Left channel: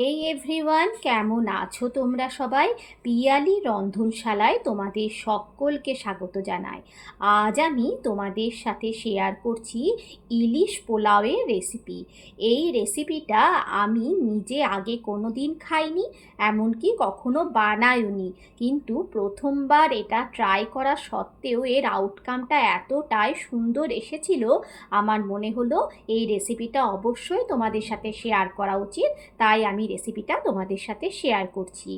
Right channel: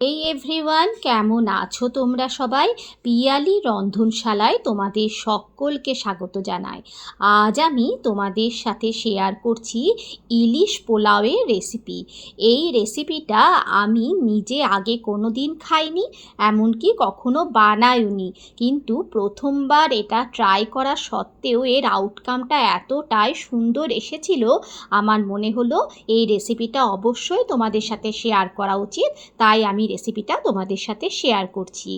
এই এভরিওয়ান, কেমন আছো তোমরা সবাই? পিয়ালি রন্ধনশালায় তোমাদের সকলকে স্বাগত জানাই। আজ আমি তোমাদের সাথে শেয়ার করছি ইলিশ পোলাওয়ের রেসিপি। এই রেসিপিটা আমি নিজে আগে কোনো দিন খাইনি, এমনকি কখনো বানাইনি, কিন্তু প্রথমবার এটা ট্রাই করা সত্ত্বেও এর আউটকামটা এতটাই সুন্দর এসেছিল, আমার মনে হলো এই রেসিপিটা অবশ্যই তোমাদের সাথে শেয়ার করা উচিত। তাই আমি রেসিপিটা তোমাদের সাথে শেয়ার করছি।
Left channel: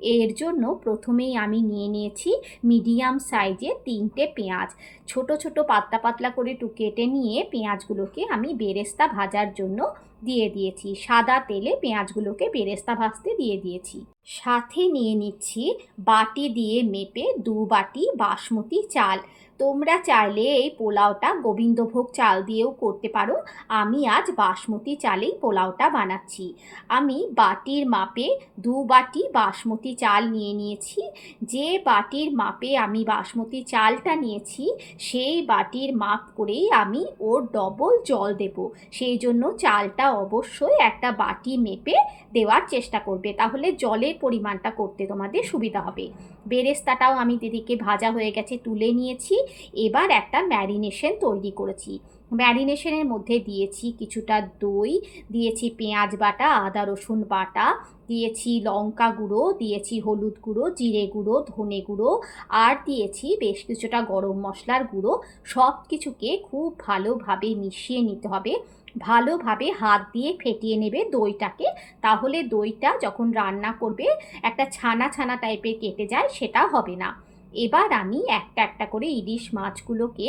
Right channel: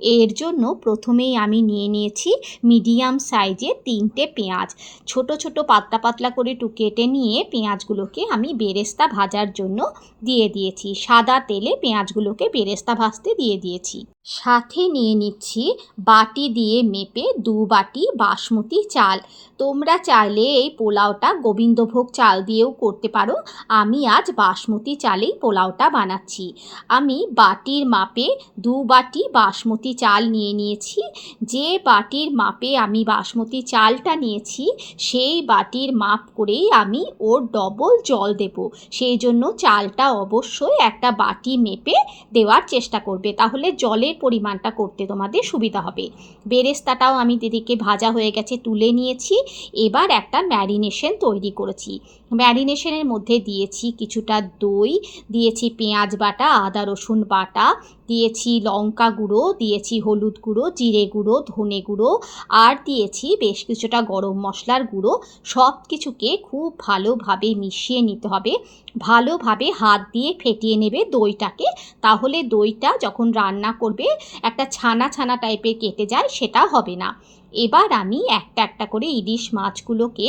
এর জন্য প্রথমেই আমি নিয়ে নিয়েছি মিডিয়াম সাইজের 3টে পেঁয়াজ। ছোট ছোট পাতলা পাতলা করে কেটে নিয়ে পেঁয়াজগুলোকে আমি বেরেস্তা ভাজার জন্য দিয়ে দিয়েছি। সাদা তেলে পেঁয়াজগুলোকে বেরেস্তা ভাজতে দিয়ে দিয়েছি। সাথে নিয়ে নিচ্ছি বাটি দিয়ে মেপে 2 বাটি বাসমতি চাল। তোমরা চাইলে এই পোলাওটা গোবিন্দভোগ চাল দিয়েও করতে পারো। আমি আজ বাসমতি চালেই পোলাওটা বানাচ্ছি। আমি বাটির মাপে 2 বাটি বাসমতি চাল নিয়ে নিয়েছি। যে বাটির মাপে আমি বাসমতি চালটা নিয়েছি সেই বাটির মাপ করেই আমি ওর ডবল জল দেব। সেই জন্য চালটা অবশ্যই একটা বাটি মেপে দেওয়ার চেষ্টা করবে, তাহলে জলের পরিমাণটা করতে তোমাদের সুবিধা হবে। বেরেস্তাটাও আমি দিদিকে ভাজা হয়ে গেছে তুলে নিয়েছি। এবার একটা ম্যারিনেশন তৈরি করেছি। ম্যারিনেশনের মধ্যে দিয়েছি কিছুটা দই, দিয়েছি পেঁয়াজ বাটা, আদা রসুন বাটা, দিয়েছি লঙ্কা গুঁড়ো, দিয়েছি হলুদ গুঁড়ো, জিরে গুঁড়ো, ধনে গুঁড়ো, আর দিয়েছি বেশ কিছুটা গরম মশলার গুঁড়ো। সব কিছুকে খুব ভালোভাবে মিশিয়ে নিতে হবে। ভালোভাবে হাত দিয়ে ফেটিয়ে নেবে দইটাকে, তাহলে দইটা যখন রান্না করবে একটা ছানা ছানা টাইপের কেটে যায়, সেটা হবে না। এবার আমি একটা একটা করে ইলিশ মাছগুলোকে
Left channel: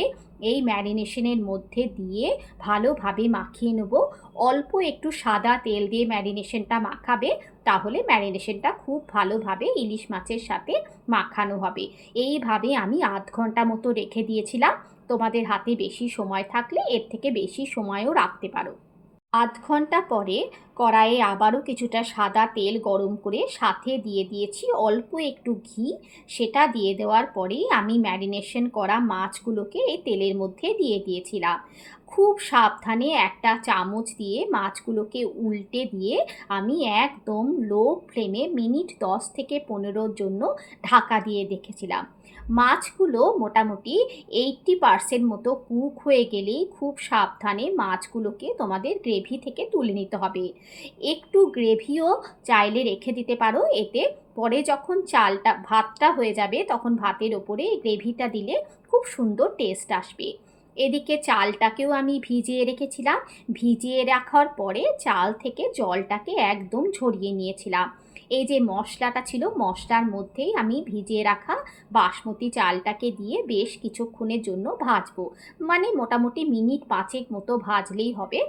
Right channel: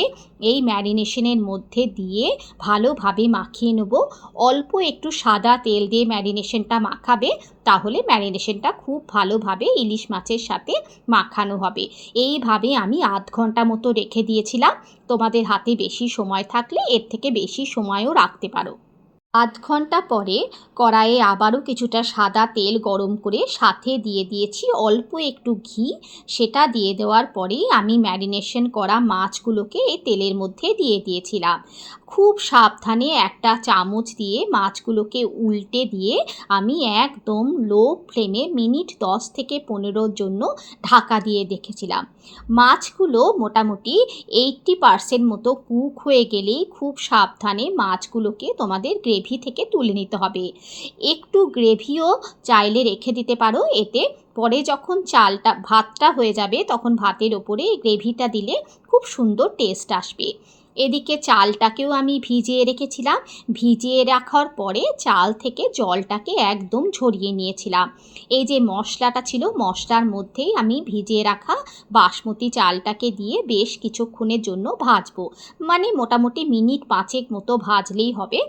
এই ম্যারিনেশনের মধ্যে দিয়ে ভালোভাবে মাখিয়ে নেব। অল্প একটু সাদা তেল দিয়ে ম্যারিনেশনটা মাখাবে, তাহলে ম্যারিনেশনটা খুব ভালোভাবে ইলিশ মাছের সাথে মাখানো হবে। এইভাবে আমি আধ ঘন্টা মতো রেখে দিয়েছিলাম। তোমাদের হাতে বেশি সময় থাকলে এর থেকে বেশি সময়ও রাখতে পারো। আধ ঘন্টা পরে কড়াইয়ে আবারও কিছুটা সাদা তেল গরম করে সাথে দিয়ে দিয়েছি অল্প একটু ঘি। সেটা দিয়ে দেওয়ার পরেই আমি ম্যারিনেশন করা মাছগুলোকে এই তেলের মধ্যে দিয়ে দিয়েছিলাম। খুব সাবধানে একটা চামচ দিয়ে মাছগুলোকে উল্টে দিয়ে আমি একদম লো ফ্লেমে মিনিট 10 থেকে 15 জন্য ঢাকা দিয়ে রেখেছিলাম। মাছগুলো মোটামুটি 80% মতো কুক হয়ে গেলেই খুব সাবধানে মাছগুলোকে তোমাদের গ্রেভি থেকে তুলে নিতে হবে। একটু গ্রেভিও চাইলে রেখে দিতে পারো, এতে পরে যখন ভাতটা হয়ে যাবে তখন ভাতের ওপরে গ্রেভিটা দিলে খুব সুন্দর টেস্ট আসবে। এদিকে চালটাকেও আমি ভিজিয়ে রেখেছিলাম। ভিজিয়ে রাখার পরে চাল থেকে জলটাকে একদম ঝরিয়ে নিয়েছিলাম। এই যে মশলাটা ছিল, মশলার মধ্যেই আমি ভিজিয়ে রাখা বাসমতি চালটাকে দিয়ে বেশ কিছুক্ষণের জন্য ভাজবো, মানে মোটামুটি মিনিট 5 মতো ভাজলেই হবে।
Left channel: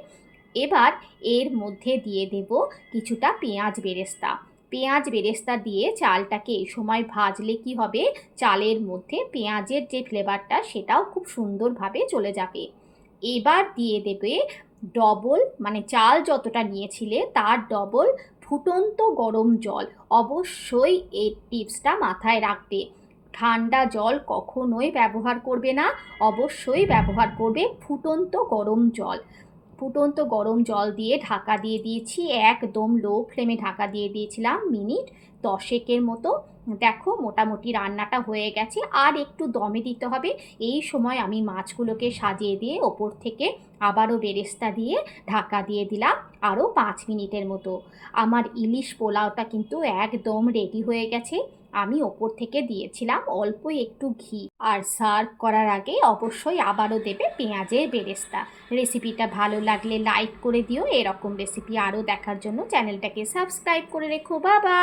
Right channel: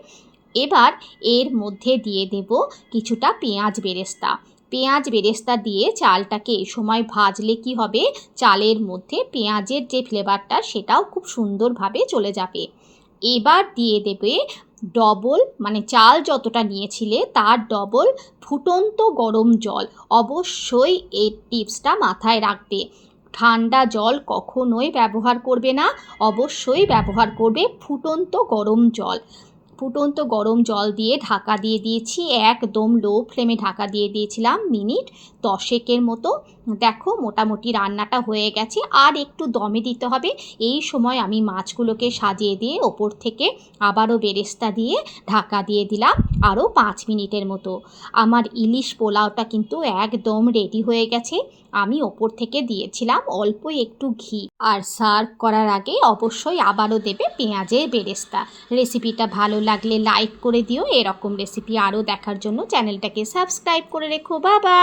এবার এর মধ্যে দিয়ে দেব কিছুটা পেঁয়াজ বেরেস্তা। পেঁয়াজ বেরেস্তা দিয়ে চালটাকে এই সময় ভাজলে কি হবে, চালের মধ্যে পেঁয়াজের যে ফ্লেভারটা সেটাও খুব সুন্দরভাবে চলে যাবে। এবার দিয়ে দেবে ডবল, মানে চাল যতটা নিয়েছিলে তার ডবল ফুটন্ত গরম জল। অবশ্যই এই টিপসটা মাথায় রাখবে। ঠান্ডা জল কখনোই ব্যবহার করবে না, অবশ্যই ব্যবহার করবে ফুটন্ত গরম জল। ফুটন্ত গরম জল দিয়ে ঢাকা দিয়ে দিয়েছি, একদম লো ফ্লেমে ঢাকা দিয়ে দিয়েছিলাম মিনিট 10 মতো। দেখো মোটামুটি রান্নাটা হয়ে গেছে, আর একটু দমে দিতে হবে। এই সময় আমি মাছগুলোকে সাজিয়ে দিয়ে ওপর থেকে আবারও বেরেস্তা দিয়ে ঢাকা দিয়ে দিলাম আরও 5 মিনিটের মতো। আমার ইলিশ পোলাওটা কিন্তু একদম রেডি হয়ে গেছে। আমি ওপর থেকে দিয়েছিলাম অল্প একটু ঘি। আর সার্ভ করার আগে অবশ্যই আবারও দেবে পেঁয়াজের বেরেস্তা। রেসিপিটা ভালো লাগলে লাইক করে দিও। এরকম রেসিপি আরও দেখার জন্য চ্যানেলটাকে সাবস্ক্রাইব করে রেখো। বাবা।